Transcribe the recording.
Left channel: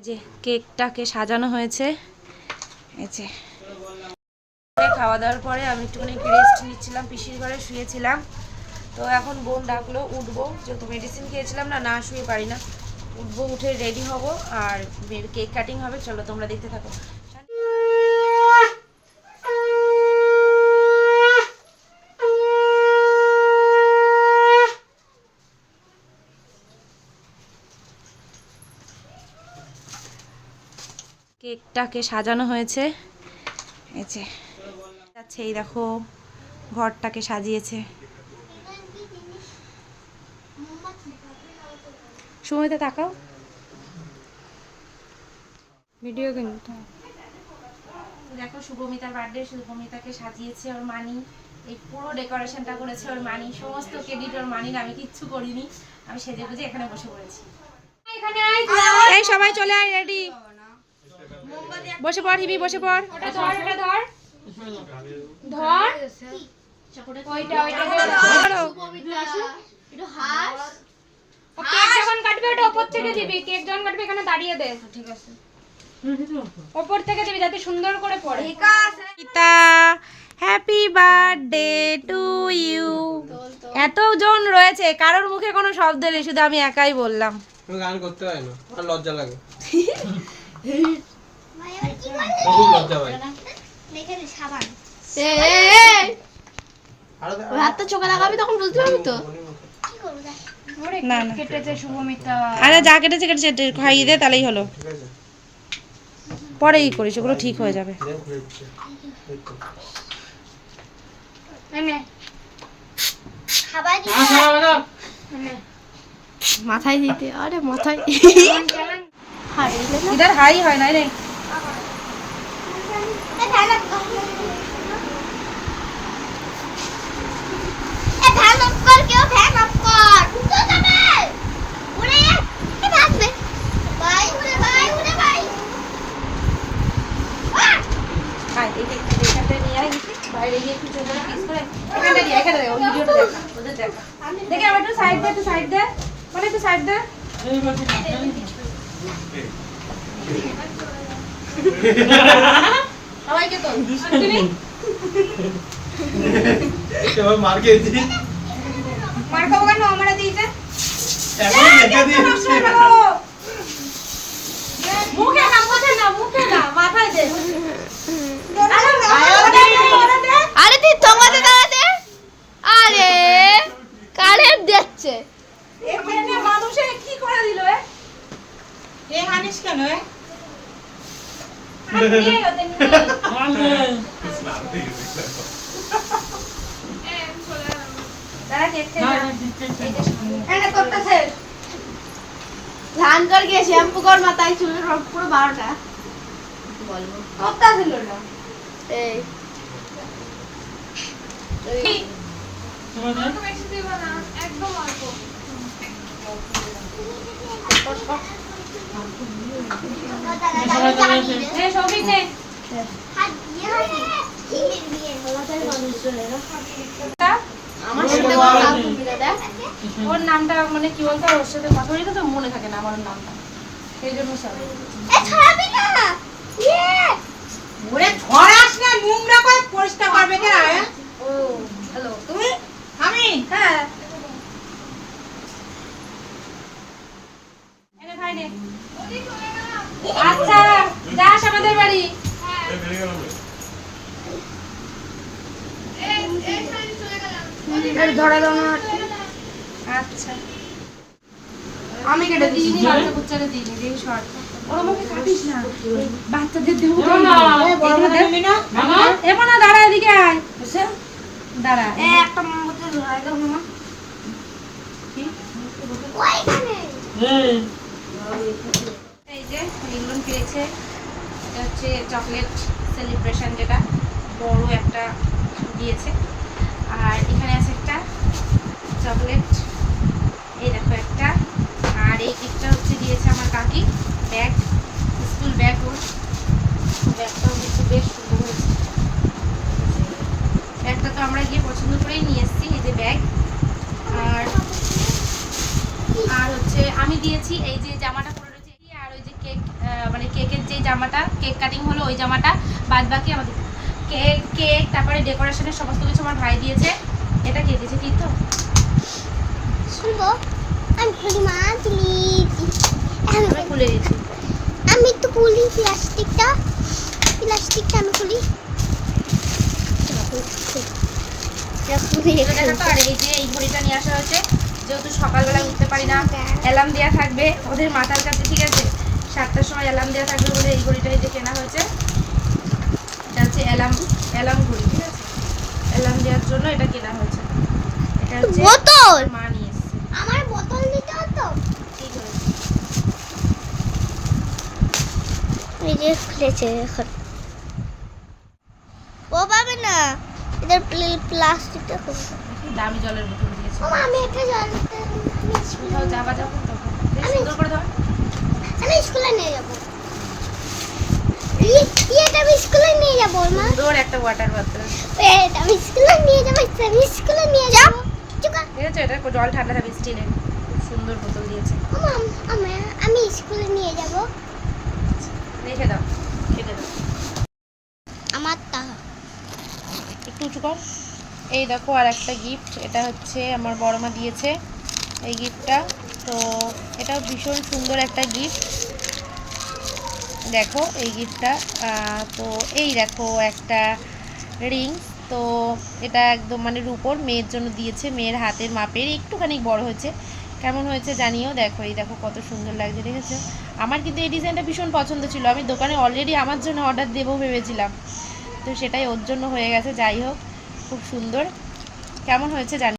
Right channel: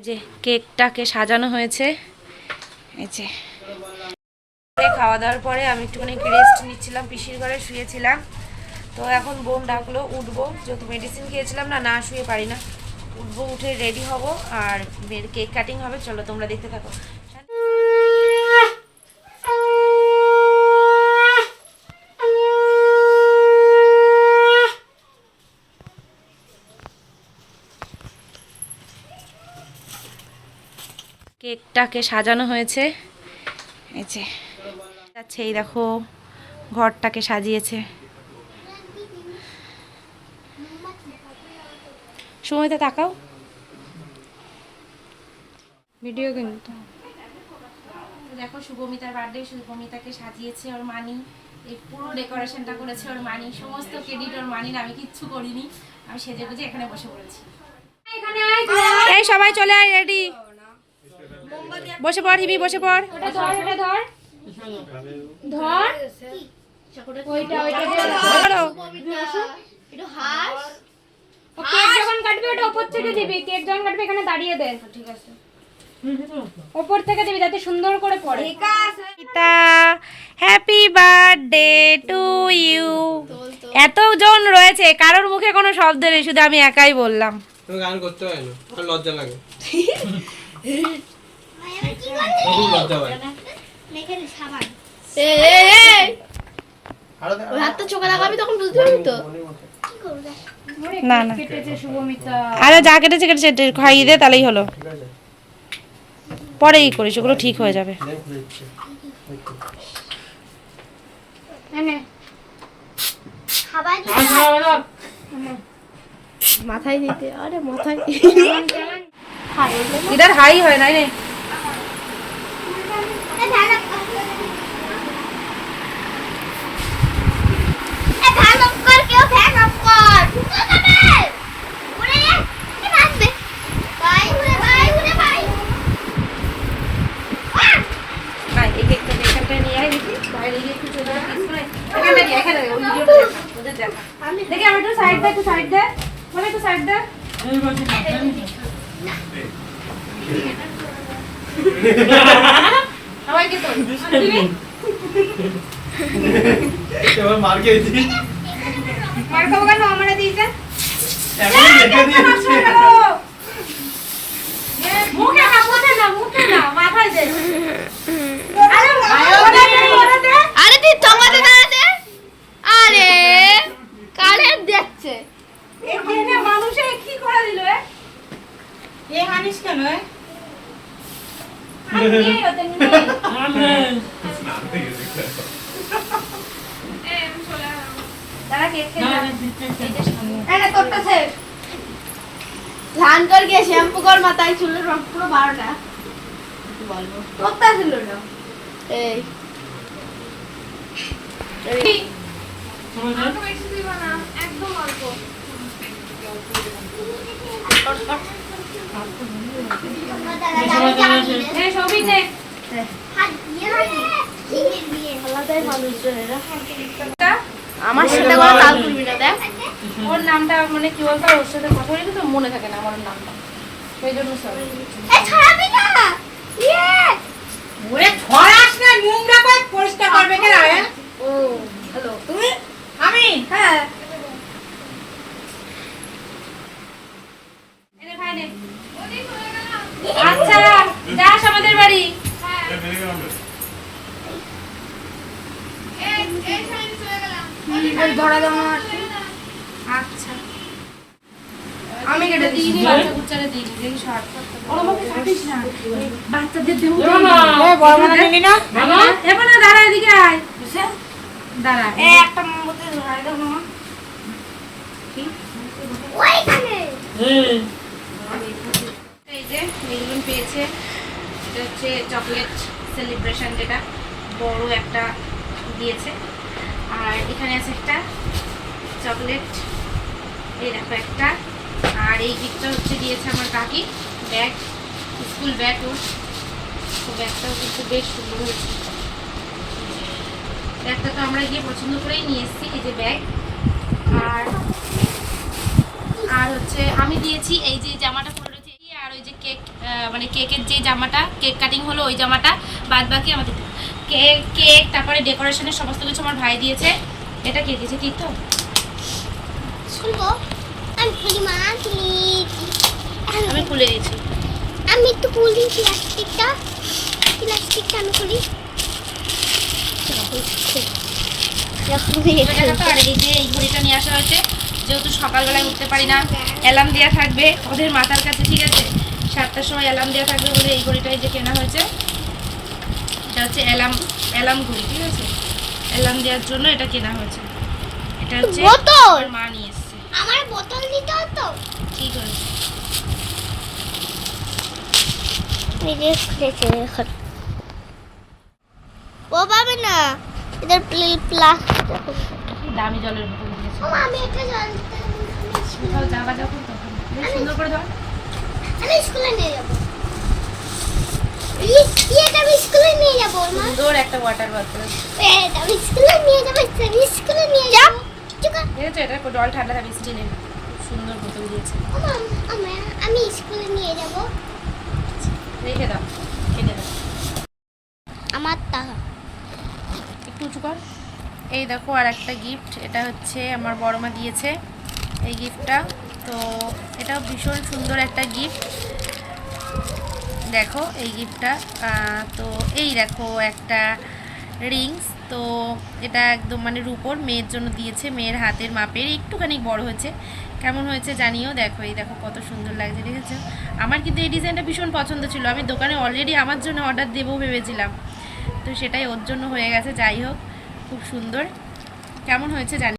এই যে কেকটাকে সাজানো হয়েছে। এই যে খাওয়া দাওয়ার পরে আমি একটুখানি রেস্ট নিচ্ছিলাম, পিসির ঘরে শুয়েছিলাম। তো এখন বোন ডাকলো, উঠবো, যেহেতু মেডিসিন খেয়েছিলাম না, না শুয়ে পারি না। উঠবো, উঠে রেডি হব আর কেক কাটিং হবে। চলো তোমরা দেখতে থাকো। কেকটাকে সাজানো হয়েছে। এই যে যাচ্ছে, এই দেখো ঘরটাকে সাজিয়েছে। সময়তে তাকাও, ভিডিও কিন্তু দেখো। শুভমিতার বার্থডে, শুভমিতাকে সাজিয়েছে ওর মানি। এই পুরো ডেকোরেশনটা করেছে ওর মানি, সমস্ত ক্রেডিট ওর মানির, আমি কিচ্ছু করিনি। আমি সেজে গুজে এখানে বসে পড়েছি। এই সবাই চলে আয়, রেডি, বসে পড় হিবি, বসে পড়। কেক যখন কাটবি ওটা উপর থেকে দিবি, কেক যখন কাটবি এখানে দাঁড়িয়ে দে, ঠিক আছে? উপর থেকে দিবি যাতে সুন্দর করে পড়ে। Happy birthday to you. এতজন রয়েছে, কারোর মুখে কোনো শব্দ নেই, শুধু আমি একাই বললাম। তুমি গান করতে পারো না, আর লজ্জা লাগে। লজ্জা পাই। এখানে সাবান হাতটা চোখে লাগাবি, তখন বুঝতে পারবি তো। না না, কেটেছে শুভমিতা। আরে যা কেটেছে কেটেছে, খাইয়ে দে, তাহলেই হলো। পরে ই করিস, ওগুলো ঠিক হয়ে যাবে। মাথায় দিতে, আরে মাথায় এটার হাই হয় না রে। দেখি আমার একটু সাইড দে, একটু সাইড দে, বলে একটু সাইড দে। সবাইকে তো মার খেয়েছি। মার খাবো কেন? আমরা দিয়েছে মুখে না, মুখে না, মুখে না, মাথায় দে। আরে তুই তোমাতে না দে, আরে কারের দিচ্ছে এখানে মানুষে কি করে দিল? এ হানিস কেন? ধান কর গিয়ে শ্যাম্পু কর, মাথায় চুল সব পুরো 12টা বলবো কত ছিল না। এই অল্প বেশি দিব না, একদম অল্প। সবই নে। আমার সাথে কথা বলবি না, দেখ ওর নামটা মানে কি বলতো, ওর সাথে কথা বলি তো মনে থাকে না আমার নামটা, সেই জন্য সরি। ছাড়াবি না, ওরে ছড়াস না, নোংরা করে পরিষ্কার করবে কেন? ও হ্যালো, তুমি আমি হ্যাঁ এনে খাই নে। আচ্ছা যাস আমাদের বাড়ি। ধরা দাও না। আচ্ছা আমি কেটে দিইনি, বাচ্চা কুচ্চারে দিইনি, দেখি শর্ট। ওর আমাকে কাটিস না, বাচ্চাদের দেবো না। এবার না, দাঁড়া, এদিকে আয়, দাঁড়া। একটা মোমবাতি ধরাই দাও না। এই যে রিবন পেয়েছে, এটা হচ্ছে চকলেট সেলিব্রেশন, যেটা বড় একটা দিয়েছে। আর এখানে আছে একটা চকলেট, এই দেখো একটা। আর এই গিফটটা হচ্ছে দিয়েছে আমার কাকি, ব্যাগ, স্কুল ব্যাগ। ওর ব্যাগটাও কিন্তু বেশ সুন্দর হয়েছে। ব্যাগটা তো আমরা গিয়ে পছন্দ করেই নিয়ে এসেছি, এই যে ব্যাগ। আর হচ্ছে আমি দিয়েছি এই যে জামাটা পরে রয়েছে, আর ওই যে কেক মানে কেকের যে জামাটা, কেক কাটিং হলো ওই জামাটা, বাদ বাকি আমাদের কেক তারপরে ডেকোরেশনের সমস্ত কিছু আমার ভাই দিয়েছে। এটা কে দিয়েছে? ঠিক তো? শুনবো আমি খুলি মা প্লিজ আমি খুলে দিয়েছি। আমি একটু খুলি প্লাস্টিকটা আমি খুলি তো দেখো তো, আর এই যে এই ঘড়িটা নিয়ে আসা হয়েছে, যেহেতু সকালবেলায় উঠতে পারি না, অ্যালার্ম দেওয়া থাকবে ওদের মাথার কাছে, ঠিক আছে? 7টার সময় অ্যালার্ম দেওয়া থাকবে বলে এই ঘড়িটাই যে কেনা হয়েছে। এটা হচ্ছে অ্যালার্ম ঘড়ি, ঠিক আছে? অ্যালার্ম দেওয়ার জন্য এটা কেনা হয়েছে। এটা হচ্ছে বোতল আমার মা নিয়ে এসেছে। আমার বোতল নিতে হতো ঠিক হয়েছে। এই যে খুলেছে এখন ও পাবে না এদের প্লাস্টিক দামি জলের বোতল দিয়েছে। আমি একটা জানতে কোথাও যাবা যখন তখন বেশ সুন্দর করে ধর। আমি স্কুলে নিয়ে যাবো এটা আমি স্কুলে নিয়ে যাবো না সুন্দর একটা ওয়াটার বোতল, এটা আমি স্কুলে নিয়ে যাবো স্কুলে নিয়ে যাবো চুকা ঠিক আছে? এটা জল ঠান্ডা থাকবে, স্টিলের। খুব সুন্দর বোতল দিয়েছে। আমি স্কুলে নিয়ে যাবো রেখে দাও, কেটে দাও। আমার টাকা একটু উঁচু কর। এই দেখো আর একটা গিফট, এটা হচ্ছে আমার বড় মা দিয়েছে এই গিফটটা। তো এটাও ভীষণ সুন্দর একটা গিফট। দেখো এই গিফটটা, তো এই দেখো একটা রিংস। তো এটা একদম মানে রূপোর, মেয়ের জন্য দিয়েছে, মেয়ের হাতের মাপের, একটুখানি বড় হয়েছে। কেমন হয়েছে জানিও। দেখো এই দেখো কত সুন্দর লাগছে, দেখেছো? আমার কিন্তু এই ডিজাইনটা ভীষণ পছন্দ ছিল, আমি দোকানে অলরেডি আমার জন্য অর্ডার দেবো ভেবেছিলাম, তো সেটাই ওর জন্য হয়ে গেছে। যাই হোক, খুব সুন্দর। কেমন হয়েছে জানি।